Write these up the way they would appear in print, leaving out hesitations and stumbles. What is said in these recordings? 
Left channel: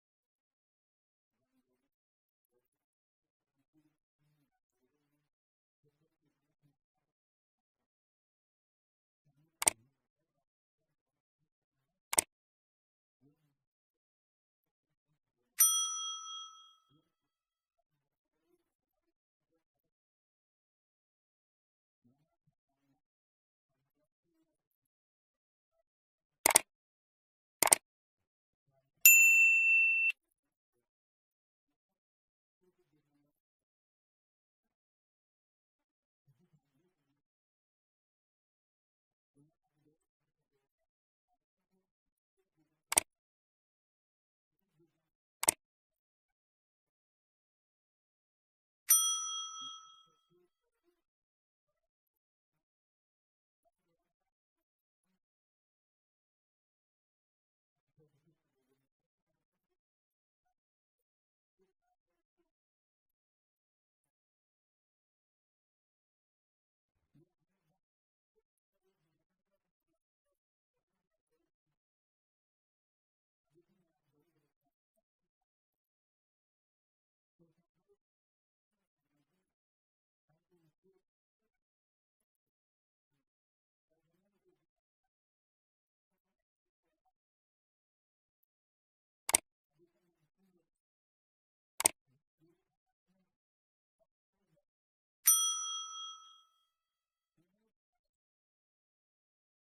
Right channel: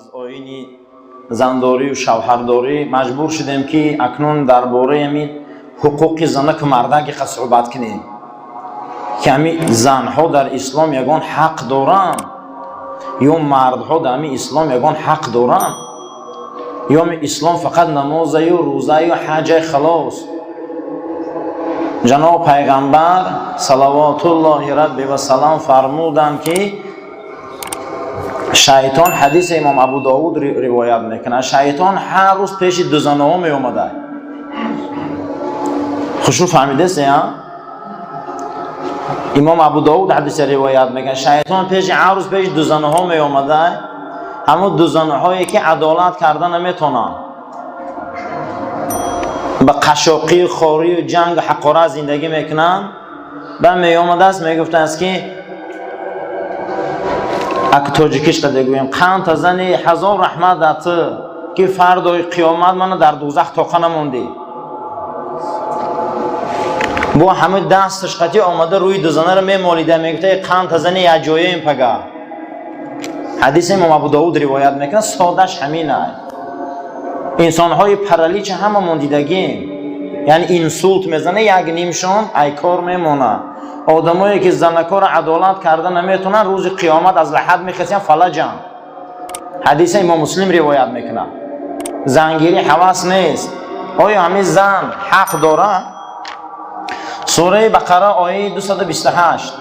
از آیین زنداری و شوهرداری مجبور شدیم که اکنون درباره همین حقوق زنک و مردک صحبت کنیم که همین زنها در اسلام یگان حق دارند یا مردها در همین اسلام یگان حق دارند یا اسلام فقط نماز و روزه و حج خلاص. جناب پیغمبر صلوات الله ربی و سلام فرمودند که شیطان، حدیث امام ابو داود روایت میکنه، شیطان هر روز پیش دو زنها می اومده. خوشو فهمیده سیا؟ امام ابو داود حدیث روایت میکنه شیطان هر روز پیش دو زنها می اومده، همون دو زنهایی که عدالت کردن نمیتونن، به قشاقی خوری و جنگ و حقاره زندگی میکنن. بعد می اومده است میگفته است که اگه تاجیکیش قد گویم قند زنی هزار رحمت دات که فردای قیامت من در دوزخ تاقه نموندی. با همه دستش قطعی آمده روی دو زنه رو میمالیده، میگفته قند زنی اجایه این پگه. حدیث امام ابو داود روایت میکنه، سادش همینه. انسانهای پرالیچ همه موندیدگی، یعنی اینسولت میزنه یک نیمشون ای کار میمونه. آدمایی که زنکار عدالت کردن نمیتونن روز قیامت از لحد میخسین فلجن. حدیث امام مسلم روایت میکنه. زنگیری حواس نیست. آیا همین زن حق داره؟ سوره بقره آیه 228.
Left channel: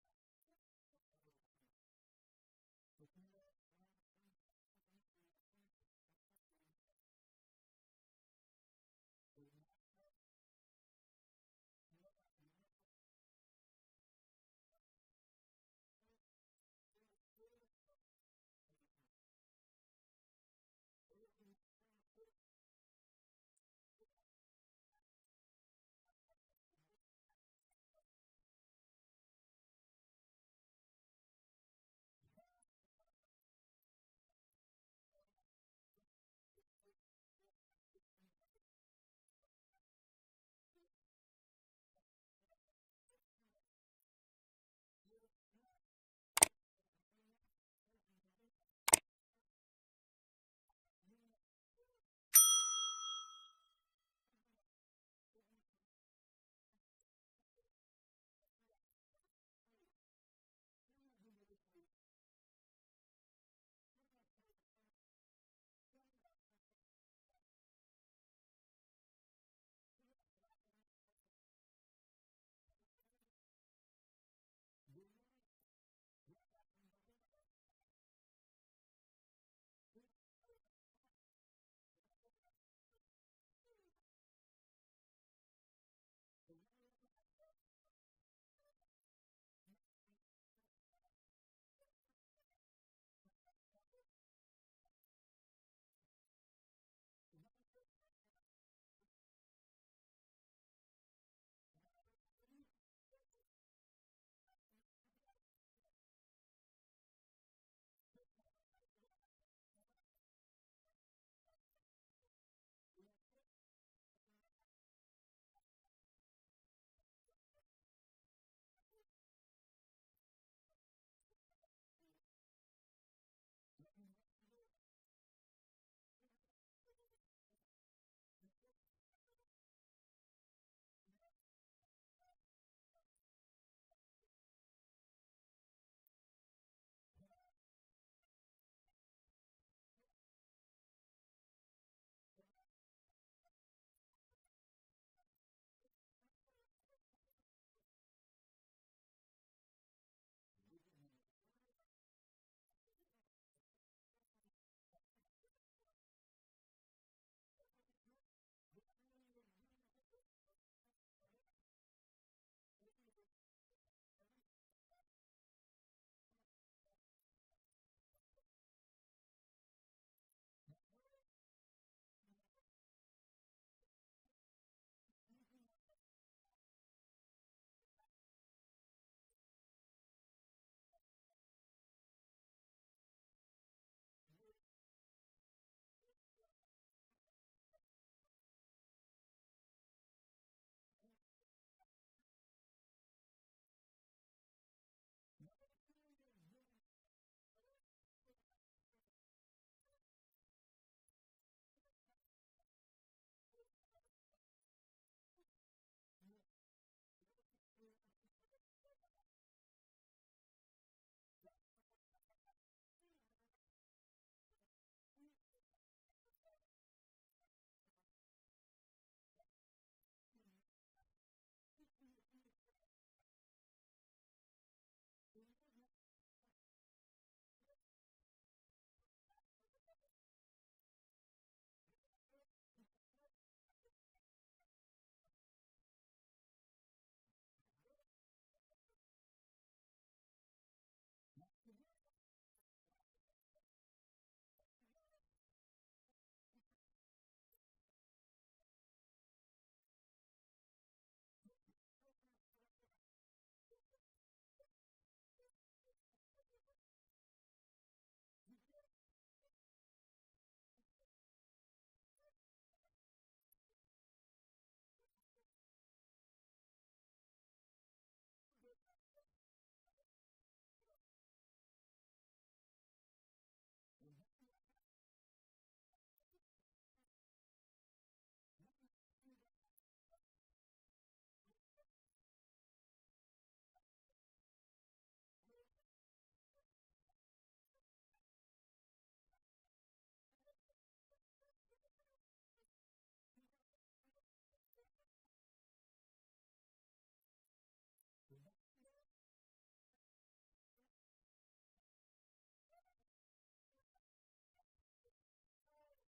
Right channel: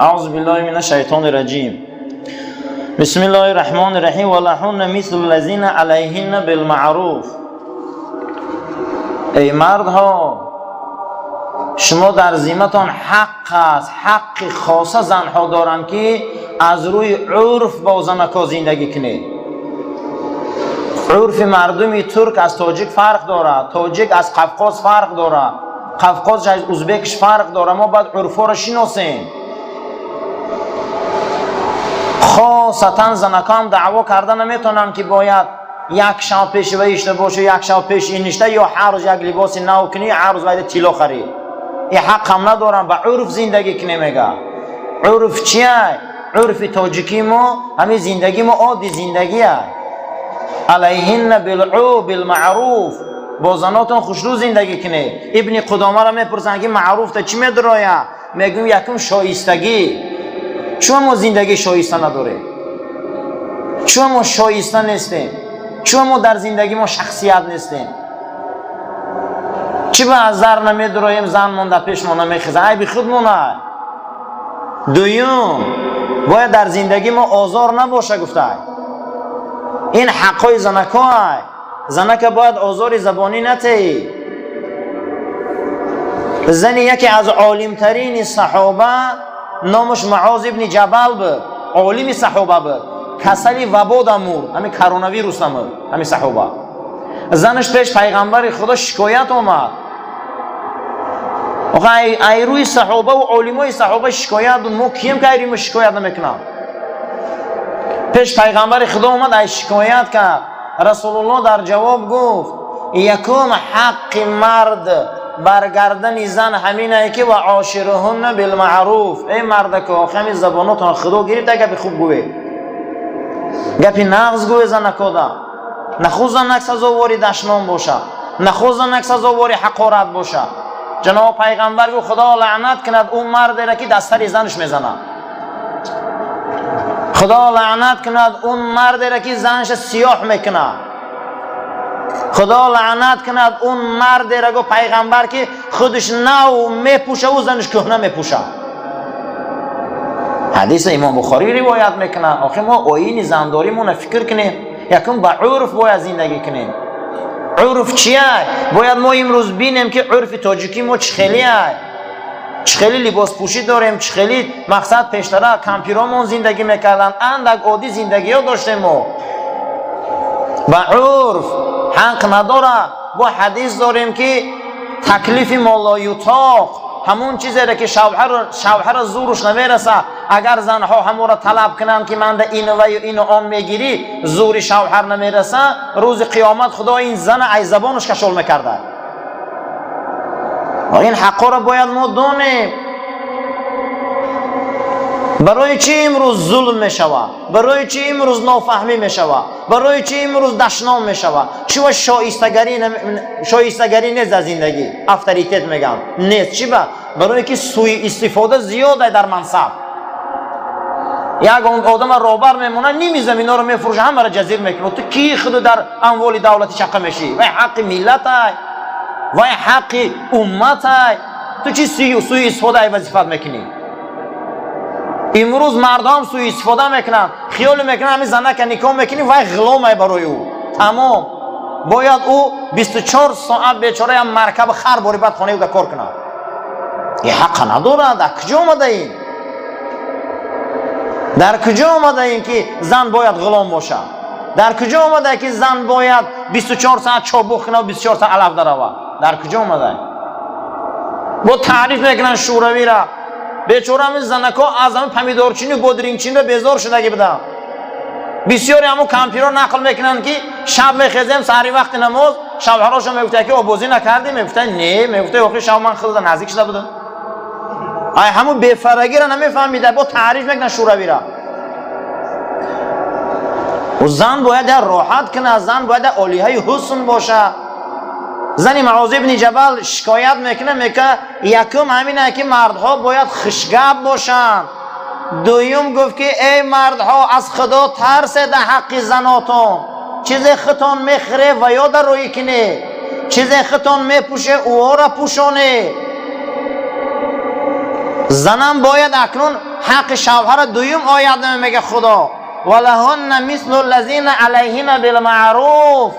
اعوذ بالله من الشیطان الرجیم. بسم الله الرحمن الرحیم. ولهن مثل الذین علیهن بالمعروف. ای مردها، شما در ذمتان حق است، حق خاصه زنها دارند که از روی عرف با زنکا زندگی کنید. عرف مردمی ترک از تاجیک فرق داره، تاجیک از قفقاز فرق داره، قفقاز از ازبکش فرق داره. ما باید عرفا را شناسیم. خاصتا زنکا هم دعوا کردن نمیتونن که باید یک شب پیش ویشته باشه، یک شب پیش اینشته، یا هر روز یک لباس نو کنی، هر روز باید طلا خرید. این حق هم ندارن. به عرف زندگی کنی. میگه عرف چیه؟ عرف تاجیکی ما همین زندگی ما عادی زندگیه. علیهن بالمعروف، با زناتون خوشرو زندگی کنی. ابن قدامه را میپرسن که معروف تا چی میدرایه؟ میگم یکم شایستگی. چون ما زندگی شایسته نداره، چون ما شایسته نیستیم، چون ما در زندگی ما شخصیت نیستیم، چی به از زر نمیدرایم زن مونده پیش ما نمیخیزه، ای بی خود مونه. دویم باید در زندگی ما آزار نباشه. گفته این حقای زنکا های. زنکا باید آزار زبانی نتی. زنی یکی از عالمترین صحابه نامش معاذ ابن جبل بود، عالم صحابه بود، کسلی وبا دمور، همین کرونا ویروس دمور، همین صحابه. زنش پیش پیغمبر خدا شکایت اومد. ای روی صحابه و علمای صحابه شکایت دون، ما کیم که ایریم شکایت نمیکنم؟ پیش پیغمبر خدا اومد ای شکایت کرد. رسول الله در جواب گفت یکم حق مرد برگردن زن همینه که و عاشرهن بالمعروف. ای مرد که آخمی زباناتون خدا گیرید گپی خوب گوی، گپی نغز گوی زنکا دا. نخوز زنک سزاواری دشنام باشه، نخوز زنک سزاواری حقارت باشه. جناب پیغمبر گفت خدا لعنت کند اون مرد را که دستر زنش میزنه. خدا لعنت کند اون مرد را که زنش سیاه میکنه. خدا لعنت کند اون مرد را گفت پیغمبر که خودش نو میپوشه و زنش کهنه میپوشه. حدیث امام بخاری روایت میکنه. آخه ما آیین زنداری مون فکر کنیم، یکم با عرف باید زندگی کنیم. عرف چیه؟ باید ما امروز بینیم که عرف تاجیکی ما چخیلیه، چخیلی لباس پوشی داریم، چخیلی مقصد پیشتره کمپیرامون زندگی میکردن، اندک عادی زندگی ها داشتیم. ما با عرف حق نداره. با حدیث داریم که تکلیف ما لا یطاق، همون چیزی را که شوهر زورش نمیرسه، اگر زنها همون را طلب کنن که من ده اینو و اینو آن میگیری، زور شوهر نمیرسه، روز قیامت خدا این زن ای زبانش کشول میکرده. این حقا را باید ما دونیم. برای چی امروز ظلم میشود؟ برای چی امروز نافهمی میشود؟ برای چی امروز دشنام میشود؟ چی و شایستگی نیست از زندگی؟ افتریتت میگم نیست. چی با؟ برای که سوء استفاده زیاده در منصب. یک آدم روبر میمونه نمیزم اینا رو میفروشه، همه را جزیر میکنه. تو کی خود در اموال دولتی چقه میشی؟ وای حق ملت های، وای حق امت های، تو چی سوء استفاده وظیفت میکنی؟ امروز مردم سوء استفاده میکنن، خیال میکنن همین زنک نکاح میکنی وای غلامه برای او. تمام باید او 24 ساعت بیچاره هم مرکب خر باری بعد خانه او در کار کنه. این حق نداره. در کجا آمده این؟ در کجا آمده این که زن باید غلام باشه؟ در کجا آمده که زن باید 24 ساعت چابک کنه و 24 ساعت علف درآوه؟ در کجا آمده؟ با تعریف میکنن شوروی را. بیچاره همین زنکا از همین پمیدارچینی و بادرینگچینی را بیزار شدگی بدن. بسیاری همون کمپیرها نقل میکنن که شب میخیزیم سحری وقت نماز، شوهراشو میگفته که آبازی نکردی؟ میگفته نه. میگفته آخه شب من خود نزدیک شده بودم. ای همون بی‌فرگی را نمیفهمیده. با تعریف میکنن شوروی را. و زن باید راحت کنه، زن باید عالیه حسن باشه. زن معاذ ابن جبل شکایت میکنه، میگه یکم همینه که مردها باید خوشگپ باشن. دویم گفت که ای مردها از خدا ترسید در حق زناتون. چیز خودتون میخره و یاد روی کنه، چیز خودتون میپوشه او را پوشونه. زنم باید اکنون حق شوهر دویم آید میگه خدا ولهن مثل الذین علیهن بالمعروف.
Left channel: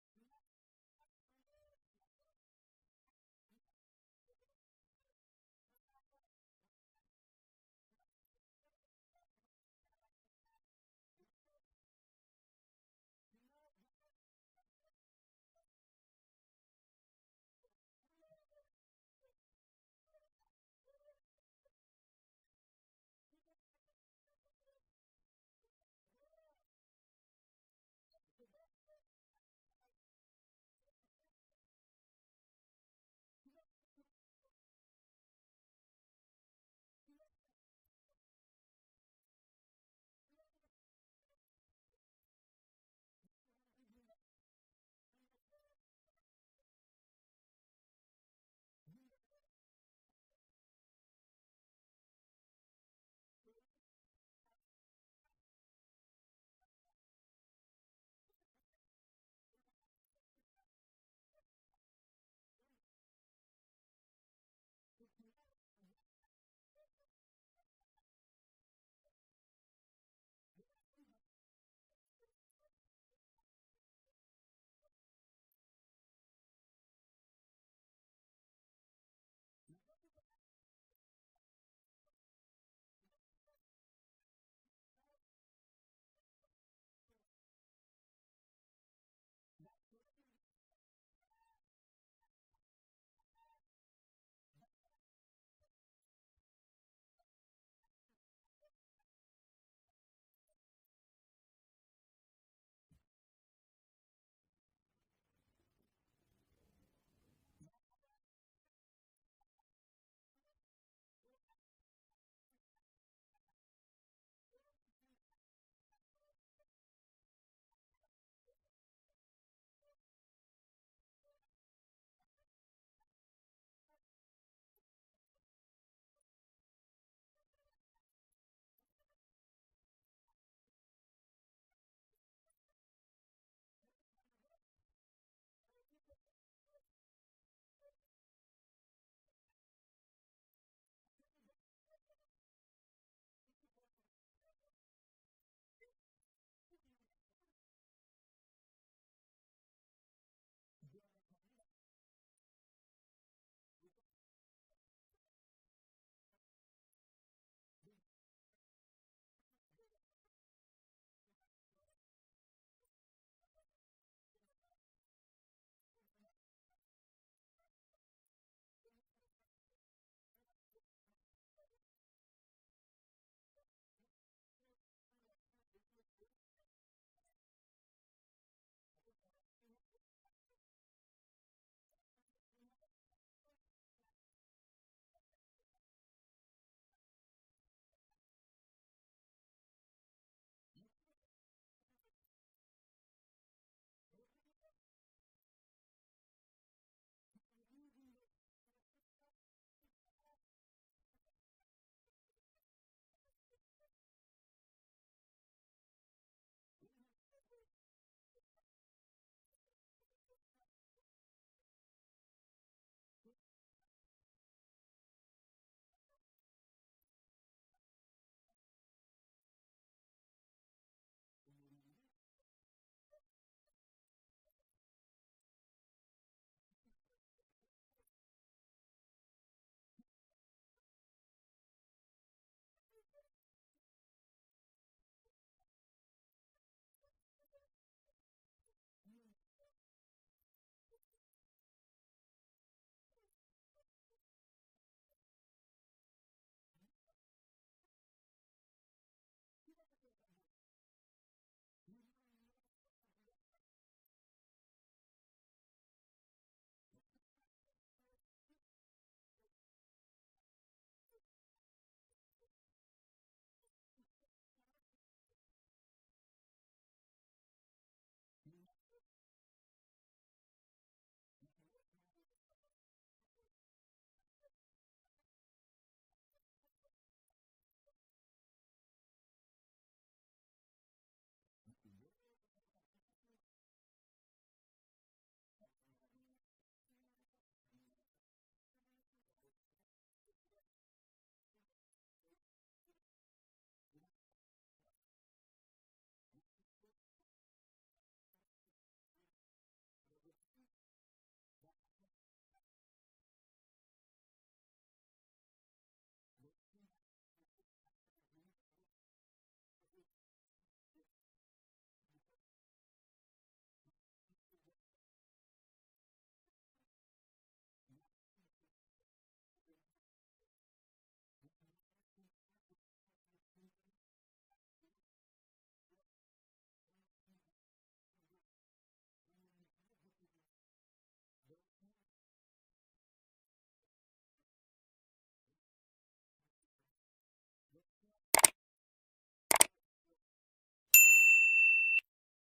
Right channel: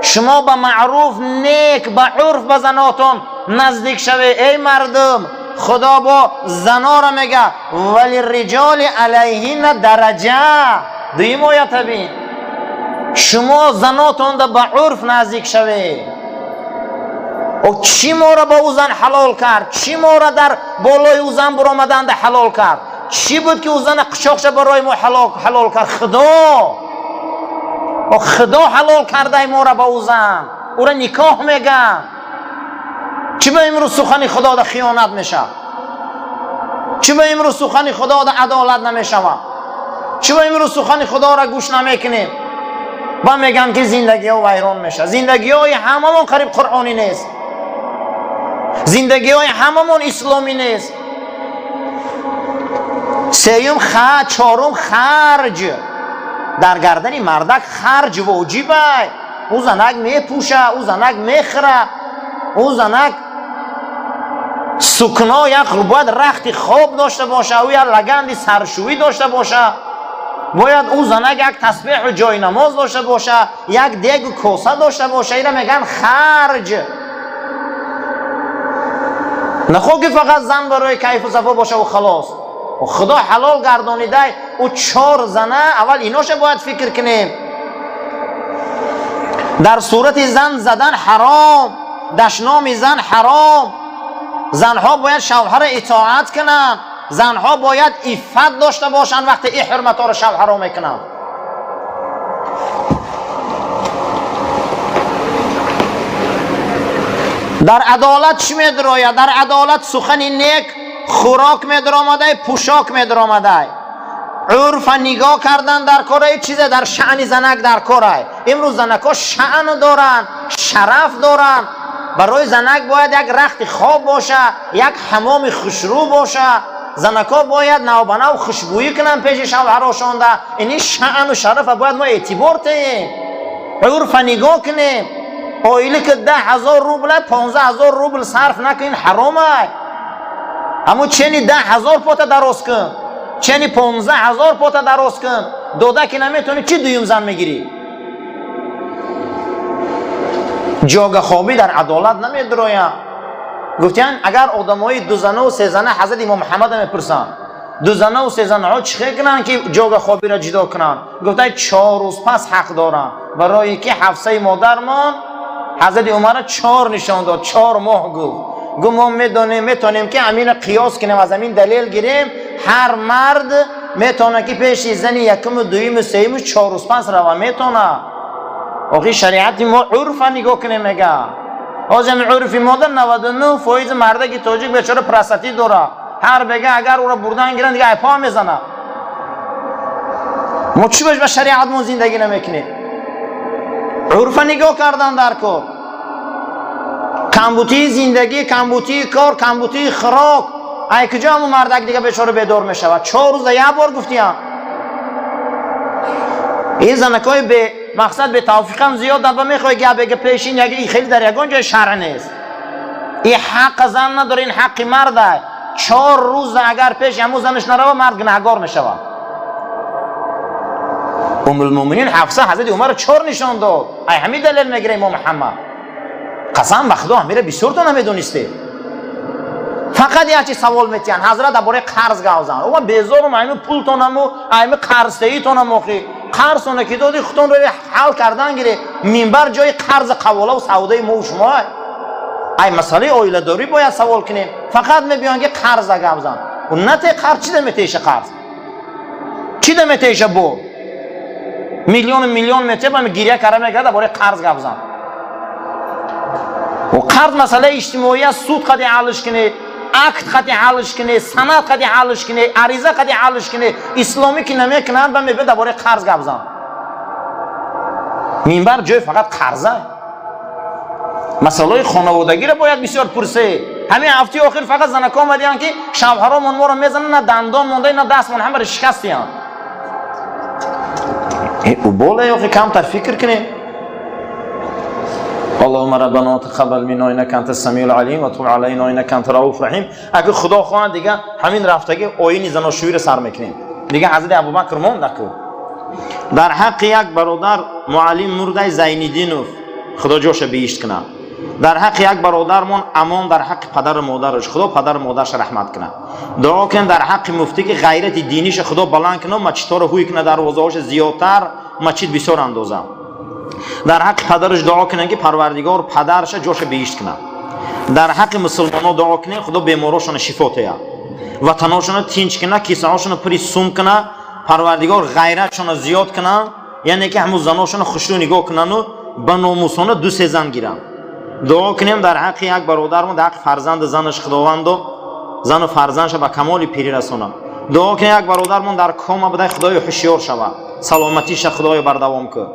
شما به معروف نیک به عرف به زناتون نزدیک شوه. ای مردم خدا با زنا را میگه ولی رجال علیهن درجه. دویم آیت بین شما زناتون به عرف نزدیک شوه. و چی ما را با او زن حلال کرد؟ چی ما را در بالای او زن برآمدند حلال کرد؟ چی بود که او زن قشاقش برای ما حلال کرد؟ خدا. و خدا حلال کرده ما را با او زن، او را نکاح میگن. چی به امروز سخن خدا در خیانت میشه؟ چی به امروز سخن خدا در عدالت نمیشه؟ چی به امروز سخن خدا را گوش نمیکنیم؟ با میگن که زندگی ها ویران میشه. زندگی های هممون قریب قرآنی نیست. زندگی های هممون اسلامی نیست. سیوم چهارم خرج. در گردن مردک خرج واجبه. او زنک میپوشه، او زنک میخره، او زنک سکنا یک باید رخت خواب داشته باشه، او یک لگند سرشویی داشته باشه، باید او زنک یک تسبیح و جای نماز داشته باشه، یک دیگ و کوسه داشته باشه. اینا میگن خرج. نخواه که فقط زن برای کیف و صفا باشه و خلاص. و خدا حلال گردانیده او 4 زنه. اول ایناش باید فکر کنیم. در صورت زن زدن حرام، دشنام زن حرام. زنها باید شوهر اطاعت کنن، زنها باید عفت داشته باشن وقتی این حرمت ها رو شوهر میکنن. در عدالت چی میدراید؟ در عدالت سخن نیک خوراک میدرآمده، پوشاک میدرآمده. عرف نگاه کردن در کاره چیز در شأن زنک در کاره. امروز زنک ها شأن دارن، شرف دارن. برای زنک باید یک رخت خواب باشه، یک حمام خوشرو باشه. زنک ها باید نوبنه و خوشبویی کنن پیش شوهراشون. اینی شأن و شرف باید ما اعتبار تیم. عرف نگاه کنیم. آیلی که 10,000 روبل 15,000 روبل صرف نکنین حرامه. اما چنی 10,000 پاتا دراز کن، چنی 15,000 پاتا دراز کن، دوده که نمیتونی چی دویم زن میگیری؟ جاگه خوابی در عدالت نمیدرایم. گفتن اگر آدمای 2 زنه و 3 زنه حضرت امام محمد میپرسن 2 زنه و 3 زنه ها چی کنن که جاگه خوابی را جدا کنن؟ گفتن 4 روز پس حق دارن. برای که حفصه مادرمان حضرت عمر 4 نشان داد، 4 ماه گفت ما میتونیم که امین قیاس کنیم، از امین دلیل گیریم. هر مرد میتونه که پیش زنی یکم و دویم و سیم و 4 روز پس روا میتونه. آخی شریعت ما عرف نگاه کنیم میگه. از همین عرف مادر 99 فایز مرده که تاجیک بیچاره پرستتی داره. هر بگه اگر او را بردن گیرن دیگه پا میزنه. ما چی باش به شریعتمون زندگی نمیکنیم؟ عرف نگاه کردن در کار، کمبودی زندگی، کمبودی کار، کمبودی خوراک. ای کجا همون مردک دیگه بیچاره بیدار میشود؟ 4 روز یک بار گفتیم این زنکای به مقصد به توفیقم زیاد در میخوای گه بگه پیشین یکی خیلی در یگان جای شرع نیست. این حق زن نداره، این حق مرده. 4 روز اگر پیش همون زنش نروه مرد گناهگار میشود. ام المؤمنین حفصه حضرت عمر 4 نشان داد. ای همین دلیل میگیره امام محمد. قسم به خدا همیره بسیار تو نمیدونسته. فقط یه چی سوال میتین حضرت درباره قرض گاوزن. او بیزارم همین پول تونمو، همین قرضی تونمو خی. قرض اون که دادی خودتون رو حل کردن گیره. منبر جای قرض قواله و سودای ما و شما. ای مسئله اویله داری باید سوال کنیم. فقط میبیان که قرض گاوزن. و نته قرض چی دمیتیشه قرض؟ چی دمیتیشه بو؟ میلیون میته با گیریه کاره میگه درباره قرض گاوزن. و قرض مسئله اجتماعی است، سود قدی حلش کنه، عقد قدی حلش کنه، سند قدی حلش کنه، عریضه قدی حلش کنه. اسلامی که نمیکنن با میگه درباره قرض گاوزن. منبر جای فقط قرضه. مسئله خانوادگی را باید بسیار پرسه. همین هفته آخر فقط زنکا اومدن که شوهرامون ما رو میزنن، نه دندان مونده نه دستمون همه شکستیان. او بالا یا کم تر فکر کنیم. اللهم ربنا تقبل منا انك انت السميع العليم وتب علينا انك انت الرؤوف الرحيم. اگه خدا خواهد دیگه همین رفتگی آیین زناشویی رو سر میکنیم. دیگه حضرت ابوبکر موند نکو. در حق یک برادر معلم مرده زینالدینوف خدا جوش بهشت کنه. در حق یک برادرمون امان در حق پدر و مادرش خدا پدر و مادرش رحمت کنه. دعا کن در حق مفتی که غیرت دینیش خدا بلند کنه، مسجدها رو هوی کنه، دروازه‌هاش زیادتر مسجد بسیار اندازه. در حق پدرش دعا کنه که پروردگار پدرش جوش بهشت کنه. در حق مسلمان‌ها دعا کنه خدا بیماراشون شفا بده. وطناشون تینچ کنه، کیسه‌هاشون پری سوم کنه، پروردگار غیرتشون زیاد کنه، یعنی که همون زناشون خوشو نگاه کنن و به ناموسانه 2-3 زن گیرن. دعا کنیم در حق یک برادرمون در حق فرزند زنش خداوند و زن و فرزندش به کمال پیری رسونه. دعا کنیم یک برادرمون در کام بده خدای هوشیار شود، سلامتیش خدای بردوام کنه.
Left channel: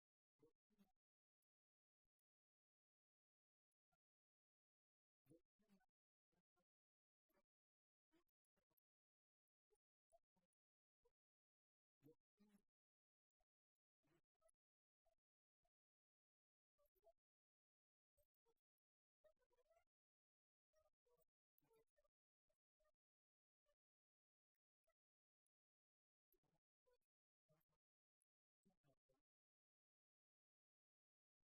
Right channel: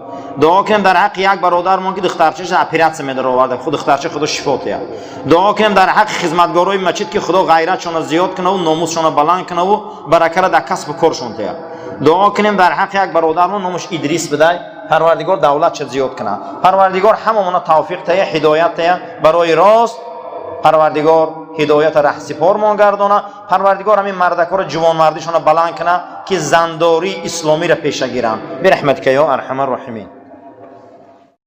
دعا کنیم در حق یک برادرمون که دخترچه‌اش اپراتسیون می‌داره آورده خود دخترچه خدا شفا بده. دعا کنیم در حق خدمتگارای مسجد که خدا غیرتشون زیاد کنه و ناموسشون بلند کنه و برکت در کسب کارشون ده. دعا کنیم در حق یک برادرمون نامش ادریس بده، پروردگار دولت زیاد کنه. پروردگار هممون توفیق ته، هدایت ته برای راست. پروردگار هدایت رهسپار ما گردانه. پروردگار همین مردکا رو جوان مردیشون بلند کنه که زنداری اسلامی را پیش گیرن. برحمتک یا ارحم الراحمین.